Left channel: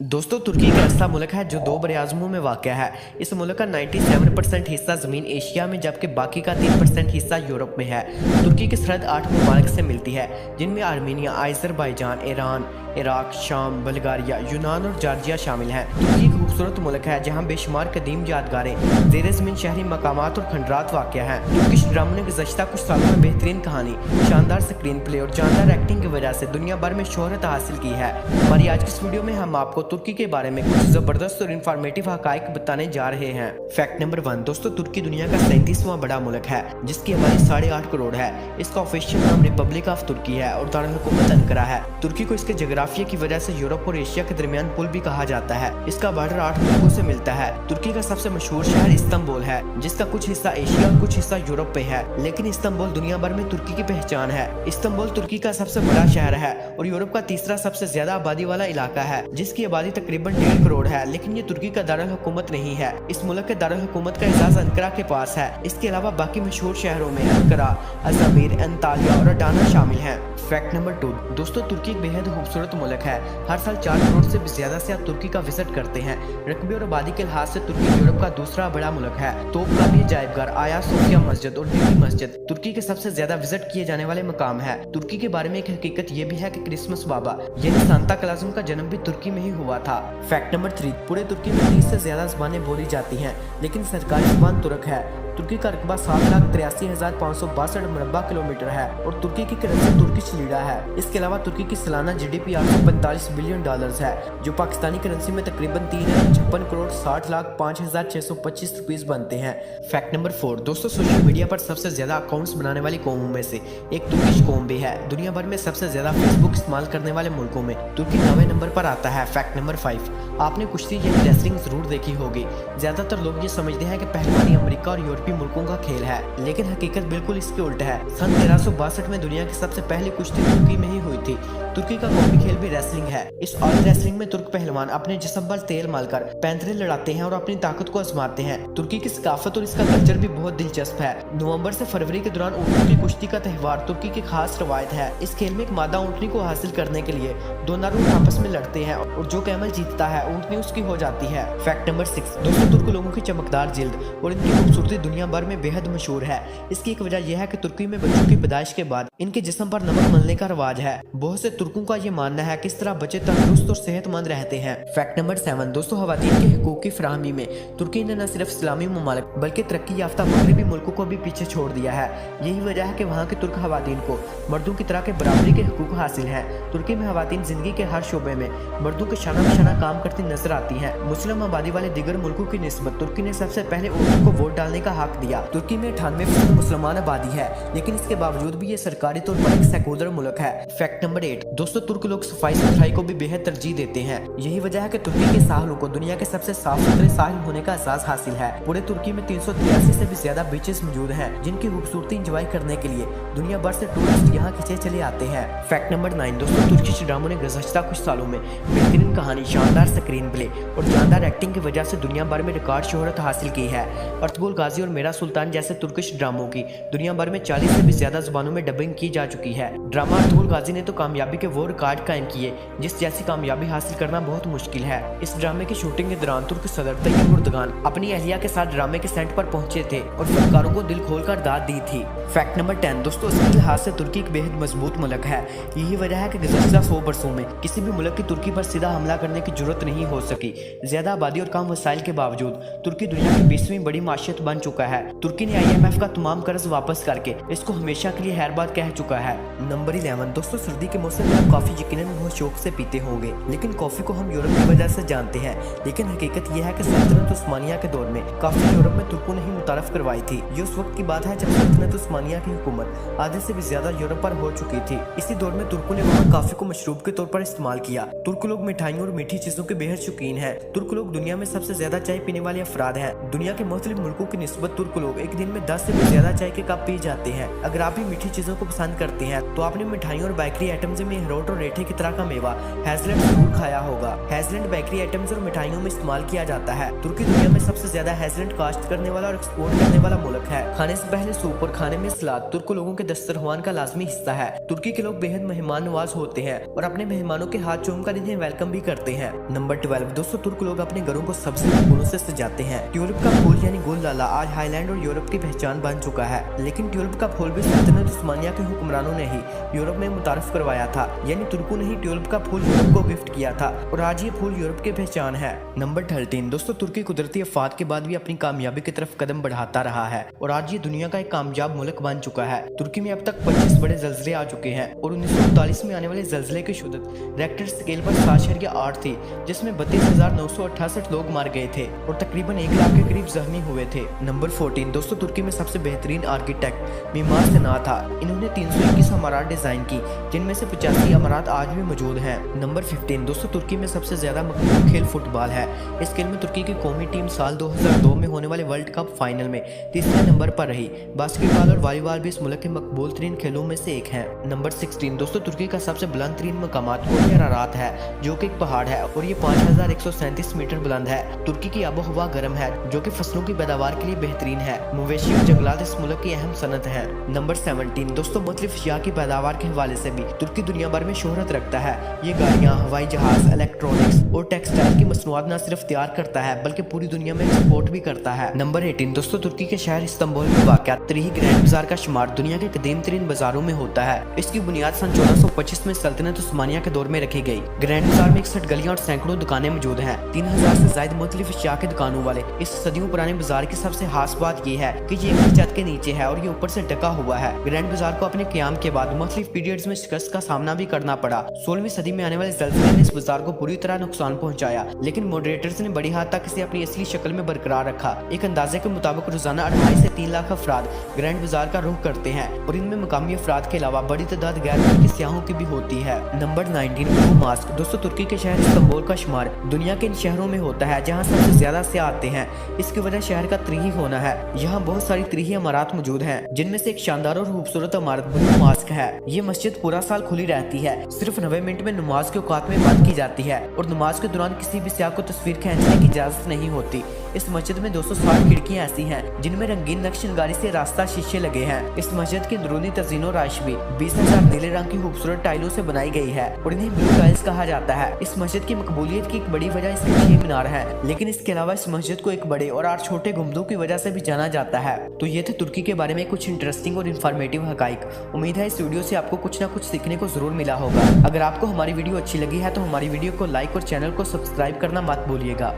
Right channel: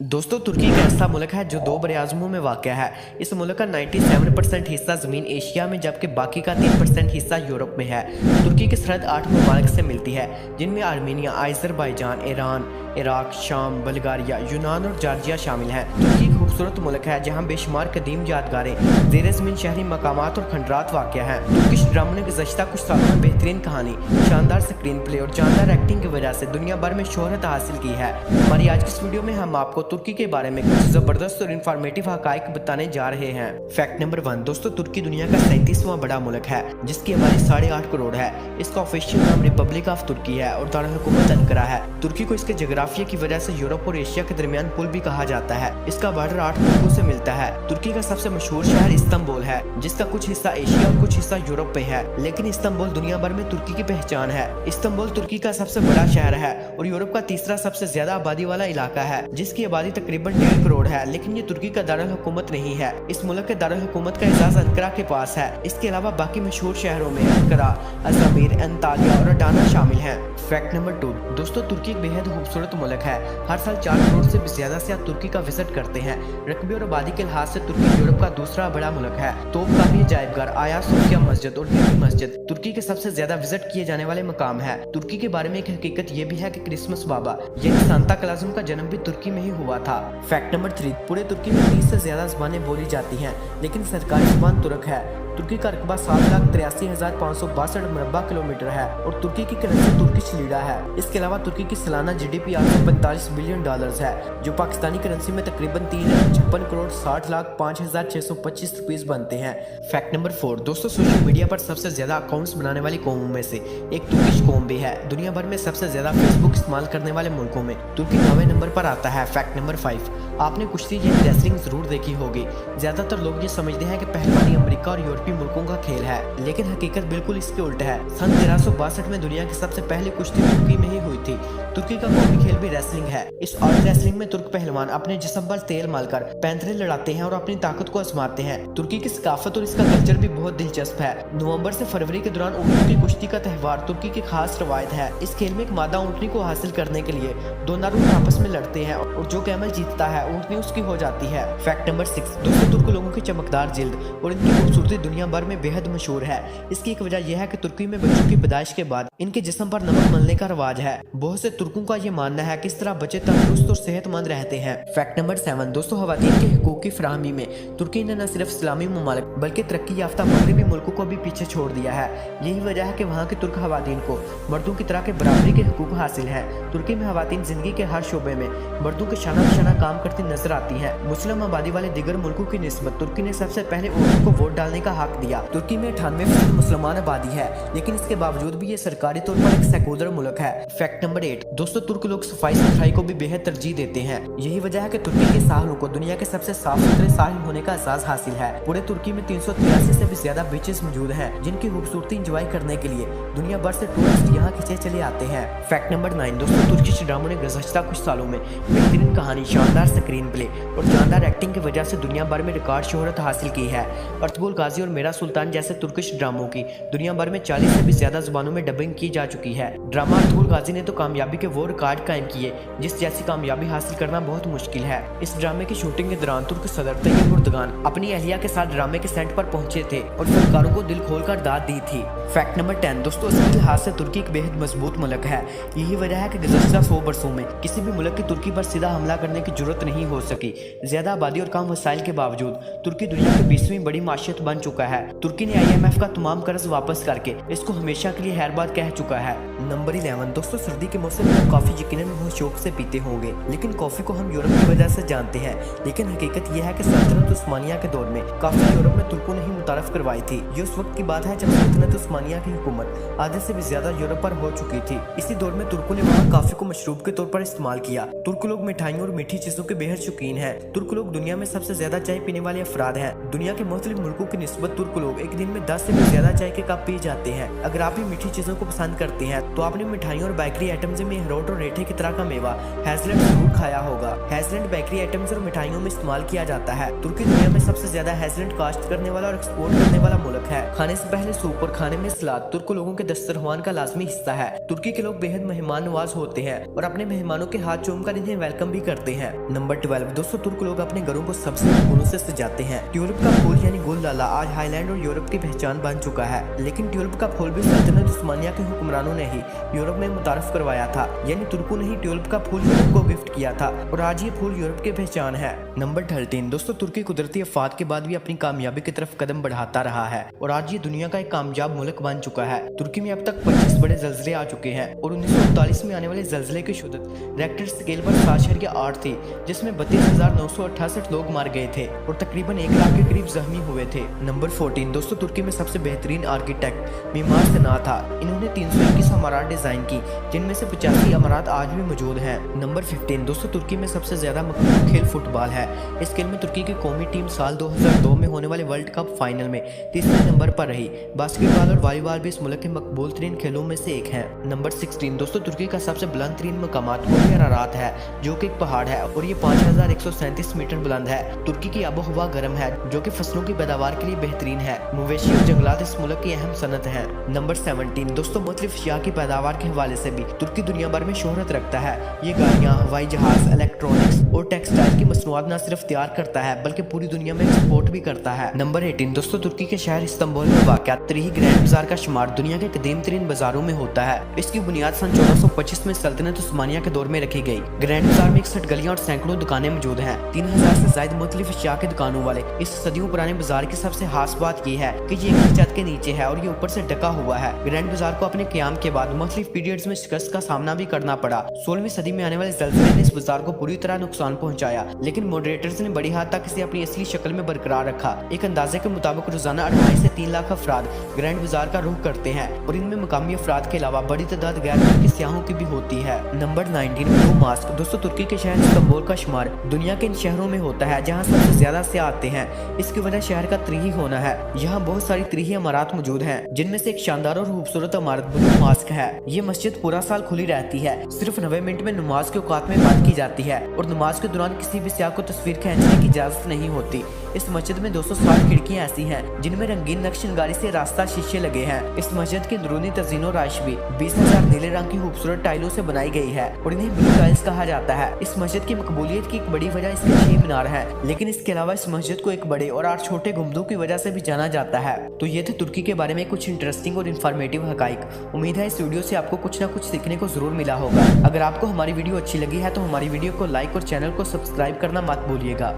दोस्तों तुर्की एक ऐसा मुल्क है जो दो बरे-आज़मों में वाक़ है। इस मुल्क का 97% हिस्सा ज़मीन एशिया में जबकि बाकी का 3% हिस्सा यूरोप में है। तुर्की की सरहद 8 ममालिक से मिलती है जिनमें आर्मीनिया, अज़रबैजान, ईरान, इराक, शाम, बल्गारिया, यूनान और जॉर्जिया शामिल हैं। तुर्की एक खूबसूरत मुल्क है जहाँ बेशुमार कदीम यादगारें, ज़ेर ज़मीन शहरी मकामात और खंडरात वाक़ हैं। तुर्किश ड्रामों ने गुज़श्ता कुछ सालों में बेहतरीन कहानी, शानदार स्क्रीन प्ले और जानदार एक्टिंग की वजह से दुनिया भर में शोहरत हासिल की है। हमारी आज की इस वीडियो में हम आपको तुर्की के बारे में कुछ जबरदस्त और इन्फॉर्मेटिव हकाइक बताने जा रहे हैं। फैक्ट नंबर 1 दोस्तों, तुर्की दुनिया का 37वां बड़ा मुल्क है जिसकी आबादी 8.5 करोड़ है। इसका ऑफिशियल नाम रिपब्लिक ऑफ तुर्की है और दारुल हुकूमत अंकारा है। तुर्की को इसके जोग्राफिया की वजह से यूरोप और एशिया के दरमियान पुल भी कहा जाता है। इसका बॉर्डर 8 मुल्कों से मिलता है। तुर्की का सबसे मशहूर शहर इस्तांबुल है जिसका कुछ हिस्सा एशिया और कुछ हिस्सा यूरोप में है, लेकिन इस्तांबुल दुनिया भर में तुर्की की पहचान है। इस्तांबुल तुर्की का सबसे बड़ा शहर है और यूरोप का तीसरा सबसे ज्यादा आबादी वाला इलाका है जिसकी आबादी तकरीबन 1.5 करोड़ है, लेकिन ये तुर्की का दारुल हुकूमत नहीं है। इस मुल्क के दारुल हुकूमत का एजाज अंकारा के पास है। इसके अलावा बाकी मशहूर शहरों में अंकारा, अजमीर, अंतालिया और अडाना शामिल हैं। फैक्ट नंबर 2 दोस्तों, तुर्की एक बेहद खूबसूरत मुल्क है। हर साल 4 करोड़ से भी ज्यादा से तुर्की का विजिट करते हैं। रकबे और आबादी के लिहाज से तुर्की यूरोप का दूसरा बड़ा मुल्क है। तोप का भी अजायबघर, आया सोफिया मस्जिद और बीबी मस्जिद तुर्की के सबसे ज्यादा विजिट किए जाने वाले मकाम है। तुर्की के बारे में एक हकीकत ये भी है कि क्रिसमस बाबा यानी सांता क्लॉज़ का जन्म भी तुर्की में ही हुआ था। फैक्ट नंबर 3 पूरे तुर्की में 30 से ज्यादा ज़बानें बोली जाती हैं, लेकिन सरकारी ज़बान तुर्क है। तुर्की का रकबा 7,83,562 मुरब्बा किलोमीटर है और तुर्की की करेंसी तुर्किश लीरा है। इसके अलावा तुर्की की सालाना जीडीपी 845 बिलियन डॉलर्स है जो पाकिस्तानी करेंसी में तकरीबन 3,56 करोड़ 60,05,625 रुपीस बनते हैं। फैक्ट नंबर 4 दोस्तों, सोशल मीडिया पर सबसे ज्यादा अकाउंट्स बनाने वाली कौमों में से एक तुर्किश कौम भी है। दुनिया भर में सबसे ज्यादा फेसबुक इस्तेमाल करने वाले मुल्कों में तुर्की 9वें नंबर पर आता है। फैक्ट नंबर 5 आपने कुश्ती यानी रेसलिंग जरूर देखी होगी। ज्यादातर लोग ये समझते हैं कि पहलवानी अमेरिका और यूरोपीय मुल्कों का खेल है, लेकिन हकीकत बिल्कुल इसके उल्टा है। सन 1362 में दुनिया की सबसे पहली कुश्ती तुर्की में ही हुई थी। तुर्की का कौमी खेल भी रेसलिंग है। इस ऑयल रेसलिंग में तुर्क पहलवान अपने जिस्म पर तेल मलकर पैंतरे लड़ाते हैं और अपनी ताकत को आजमाते हैं। तुर्की की सकाफत और इसका कल्चर भी बहुत दिलचस्प है। नवंबर से फरवरी के दौरान ऊँटों की कुश्ती का त्यौहार तुर्की की खास रवायत है। इस खेल में एक मादा ऊँटनी को हासिल करने के लिए दो नर ऊँट आपस में लड़ते हैं और जो कैमल जीतता है ऊँटनी उसकी हो जाती है। फैक्ट नंबर 6 दोस्तों, तुर्क लोगों की चमकदार जिल्द और इनकी खूबसूरती दुनिया भर में बेहद मशहूर है। इसकी एक वजह यह है कि तुर्की में बच्चों की पैदाइश के बाद इनके जिस्म पर नमक मलने का रवाज है। बहुत से तुर्कों का ये मानना है कि इस तरह बच्चे तंदुरुस्त और सेहतमंद रहते हैं। फैक्ट नंबर 7 दोस्तों, खवातीन के हकूक की फराहमी में तुर्की ने न सिर्फ इस्लामी ममालिक बल्कि तरक्की याफ्ता मगरबी मुल्कों को भी पीछे छोड़ दिया है। यही वजह है कि वहाँ की तुर्क खवातीन को मर्दों की तरह के बराबरी के हकूक हासिल हैं। तुर्की में खवातीन जिंदगी के हर शोबे में मर्दों के शाना बशाना काम करती नजर आती हैं। मुस्लिम आबादी वाले दीगर मुल्कों की निस्बत तुर्की ने सबसे पहले औरतों को वोट डालने का हक दिया। तुर्की में 98% मुसलमान आबादी है, लेकिन इसके बावजूद भी ये सरकारी तौर पर एक सेकुलर मुल्क है। फैक्ट नंबर 8 दोस्तों, तुर्क लोग सफाई सुथराई को भी बेहद तरजीह देते हैं। यही वजह है कि तुर्की के साहिलों को दुनिया के सबसे साफ सुथरे साहिल होने का एहसास हासिल है। पूरे तुर्की में 383 से भी ज्यादा बीचेस मौजूद हैं जिनकी खूबसूरती एंजॉय करने के लिए दुनिया भर से टूरिस्ट यहाँ खींचे चले आते हैं। फैक्ट नंबर 9 दोस्तों, तुर्किश ड्रामों ने गुज़श्ता कुछ सालों में बेहतरीन कहानी, शानदार स्क्रीन प्ले और जानदार एक्टिंग की वजह से दुनिया भर में रिकॉर्ड शोहरत हासिल की है। अर्तुगरुल गाजी और मेरा सुल्तान जैसे तुर्किश ड्रामों की दुनिया भर में 40 से भी ज्यादा जुबानों में डबिंग की जा चुकी है। ड्रामा अर्तुगरुल गाजी ने तो कामयाबी के वो रिकॉर्ड कायम किए जिस जैसी कामयाबी हासिल करना बहुत मुश्किल है। इस ड्रामे की शूटिंग के दौरान तुर्क सदर तैयब एर्दोगान अपनी अहलिया के साथ ड्रामे के सेट पर पहुंचे थे और फनकारों को दिल खोलकर दाद दी थी। फैक्ट नंबर 10 दोस्तों, इसके लिहाज से तुर्की एक बेहद मजबूत मुल्क है। यही वजह है कि गुज़श्ता 100 बरसों में किसी भी मुल्क की तुर्की पर सीधा हमला करने की जरूरत नहीं हो सकी। ज्यादा आबादी और कम वसाइल के बावजूद तुर्की दुनिया की 20वीं बड़ी माशियत बन चुका है। तुर्की ने IMF का तमाम कर्ज वापस करके इसको हमेशा के लिए हैरबाद कह चुका है। नंबर 11 दोस्तों, सर्दी के मौसम में आप कॉफी यकीनन बहुत शौक से पीते होंगे, लेकिन कॉफी को हम यूरोप की वजह से जानते हैं, लेकिन हकीकत यह है कि सल्तनत उस्मानिया के दौर में कॉफी यूरोप में तुर्कों ने ही मुतारफ करवाई थी। ये उस वक्त की बात है जब सल्तनत उस्मानिया की हुकूमत आधे से भी ज्यादा यूरोप पर हो चुकी थी। इसी दौर में तुर्कों ने वहाँ कॉफी को मशरूब के तौर पर इस्तेमाल किया। तुर्क लोग मिठाइयों और मीठी चीजों के बेहद शौकीन है। तुर्क लोग दुनिया में सबसे ज्यादा चाय पीने वाले अफराद हैं। दुनिया के मुख्तलिफ मुल्कों की निस्बत तुर्क लोग एक दिन में 10 से भी ज्यादा चाय के कप पी जाते हैं। अगर आप भी मीठी चीजों को पसंद करते हैं तो आपने मिठाइयों और बेकरी आइटम्स में अखरोट और रेठे की तरह का मेवा हेज़लनट जरूर खाया होगा। हेज़लनट बेकरी आइटम्स और मिठाइयों में इस्तेमाल किया जाता है। तुर्की दुनिया में सबसे ज्यादा हेज़लनट काश्त करने वाला और एक्सपोर्ट करने वाला मुल्क है। खाने से पहले सूप और खाने में सलाद तुर्क लोगों के दस्तरख्वान का लाजमी हिस्सा है। तुर्की के लोग बेहद मेहमान नवाज होते हैं और अपने मेहमानों के हाथ चूम कर इन्हें वेलकम भी करते हैं। नंबर नंबर 12 दोस्तों, तुर्क लोग अपने घरों को सबसे फूलों से सजाते हैं। ट्यूलिप का फूल यानी गोल लाला आज हाईलैंड और यूरोप की पहचान बन चुका है, लेकिन ट्यूलिप का फूल भी सल्तनत उस्मानिया के हुक्मरानों ने ही यूरोप में मुतारफ करवाया था, यानी तुर्कों ने ही ट्यूलिप का फूल यूरोप को गिफ्ट किया था और आज ये फूल यूरोप की पहचान है। नंबर 13 दोस्तों, तुर्की कुदरती आफात के बाद भी अपनी कामयाबी की तरफ कदम बढ़ाता रहा है और आज ये दुनिया का एक कामयाब मुल्क बन चुका है। तुर्की में अब तक 25 बड़े जल्जले आ चुके हैं और 1939 में आने वाले जल्जले की शुद्दत रेक्टर स्केल पर 7.8 थी, जिसमें 32,968 लोग मार गए थे और तकरीबन 1 लाख के करीब जख्मी हुए थे। नंबर 14 दोस्तों, तुर्की में सबसे बेहतरीन आर्किटेक्ट मीमार सना था। इन्होंने 321 इमारत डिजाइन की, जिनमें से 85 इमारत आज भी मौजूद हैं। नंबर 15 दोस्तों, तुर्की में सबसे ज्यादा मकबूल खेल फुटबॉल है। इस खेल में तुर्की की कौमी टीम साल 2002 में होने वाले वर्ल्ड कप फाइनल में तीसरे नंबर पर रही। बास्केटबॉल और वॉलीबॉल भी इस मुल्क के मकबूल तरीन खेलों में से एक है। नंबर 16 दोस्तों, तुर्की का सबसे बुलंद तरीन मकामात कोहे अरारात है, जो कि एक पहाड़ है और ये 5137 मीटर बुलंद है। तुर्की की आबो हवा गर्म है, जो कि फसलों की पैदावार के लिए बेहतरीन है। मवेशी और जंगलात इस मुल्क की अहम सनत है। नंबर 17 दोस्तों, मुख्तलिफ अशिया की पैदावार के हवाले से भी तुर्की दुनिया भर में शोहरत रखता है। ये गाड़ियाँ, हवाई जहाज, इलेक्ट्रॉनिक्स और टेक्सटाइल की मसनूआत न सिर्फ तैयार करता है बल्कि पूरी दुनिया में एक्सपोर्ट भी करता है। नंबर 18 दोस्तों, तुर्की के शहर इस्तांबुल में वाक़ तरीही ग्रैंड बाजार का शुमार दुनिया के कदीम तरीन बाजारों में होता है। इसकी बुनियाद सन 1425 में सल्तनत उस्मानिया के दौर में रखी गई। ग्रैंड बाजार में 61 गलियां और सैकड़ों दुकानें मौजूद हैं। 3000 से ज्यादा मुख्तलिफ अशिया की दुकानों वाले इस सदियों पुराने बाजार की सबसे खास बात यह है कि ये एक ही छत के नीचे है और ये ऊपर से ढका हुआ है। ग्रैंड बाजार को अपने क़याम के बाद मुख्तलिफ पीरियड्स में शिकस्त का सामना भी करना पड़ा। 16वीं सदी में आने वाले ज़ल्ज़ले ने इस बाजार को पूरी तरह नुकसान पहुंचाया, लेकिन मॉडरेटर्स ने बड़ी हद तक इसे अपनी असली शक्ल में बरकरार रखा। एक अंदाजे के मुताबिक रोजाना 2.5 से 3 लाख अफराद ग्रैंड बाजार का रुख करते हैं और इनमें मकामी अफराद के अलावा बड़ी तादाद गैर मुल्की सियाहों की भी होती है। नंबर 19 ब्लू मास्क दोस्तों, तुर्की के शहर इस्तांबुल का शुमार दुनिया के इन शहरों में होता है जहाँ सबसे ज्यादा से आते हैं। इसकी वजह शहर का तरीही होना है। यहाँ बहुत सारी तरीही इमारत मौजूद हैं, जिनमें से एक शानदार और खूबसूरत इमारत ब्लू मास्क है। ये मस्जिद पूरा साल खुली रहती है, सिर्फ 90 मिनट में नमाज के औकात में बंद की जाती है और नमाज के दौरान किसी भी सियाह को तस्वीर खींचने की इजाजत नहीं होती। इस मस्जिद में 260 खिड़कियाँ ऐसी हैं जिनमें रंगीन नक्शनगारी से रास्ता शीशे लगे हैं। इस मस्जिद की अंदरूनी तज़ीनो राइश भी 20,000 नीले रंग की खूबसूरत टाइलों से बनाई गई है और इन्हें ब्लू टाइल्स कहा जाता है। इस मस्जिद की मकबूलियत की एक बड़ी वजह इसके 6 मीनार हैं, लेकिन इसके अलावा इस मस्जिद को एक बड़े और 8 छोटे गुंबदों की वजह से भी जाना जाता है। तो ये थे तुर्की के बारे में कुछ इंटरेस्टिंग और इन्फॉर्मेटिव हकाइक। उम्मीद है इस वीडियो से आपको कुछ ना कुछ सीखने को जरूर मिला होगा। अगर आपको हमारी वीडियो अच्छी लगी है तो हमारी वीडियो को लाइक और चैनल को सब्सक्राइब करना मत भूलिएगा।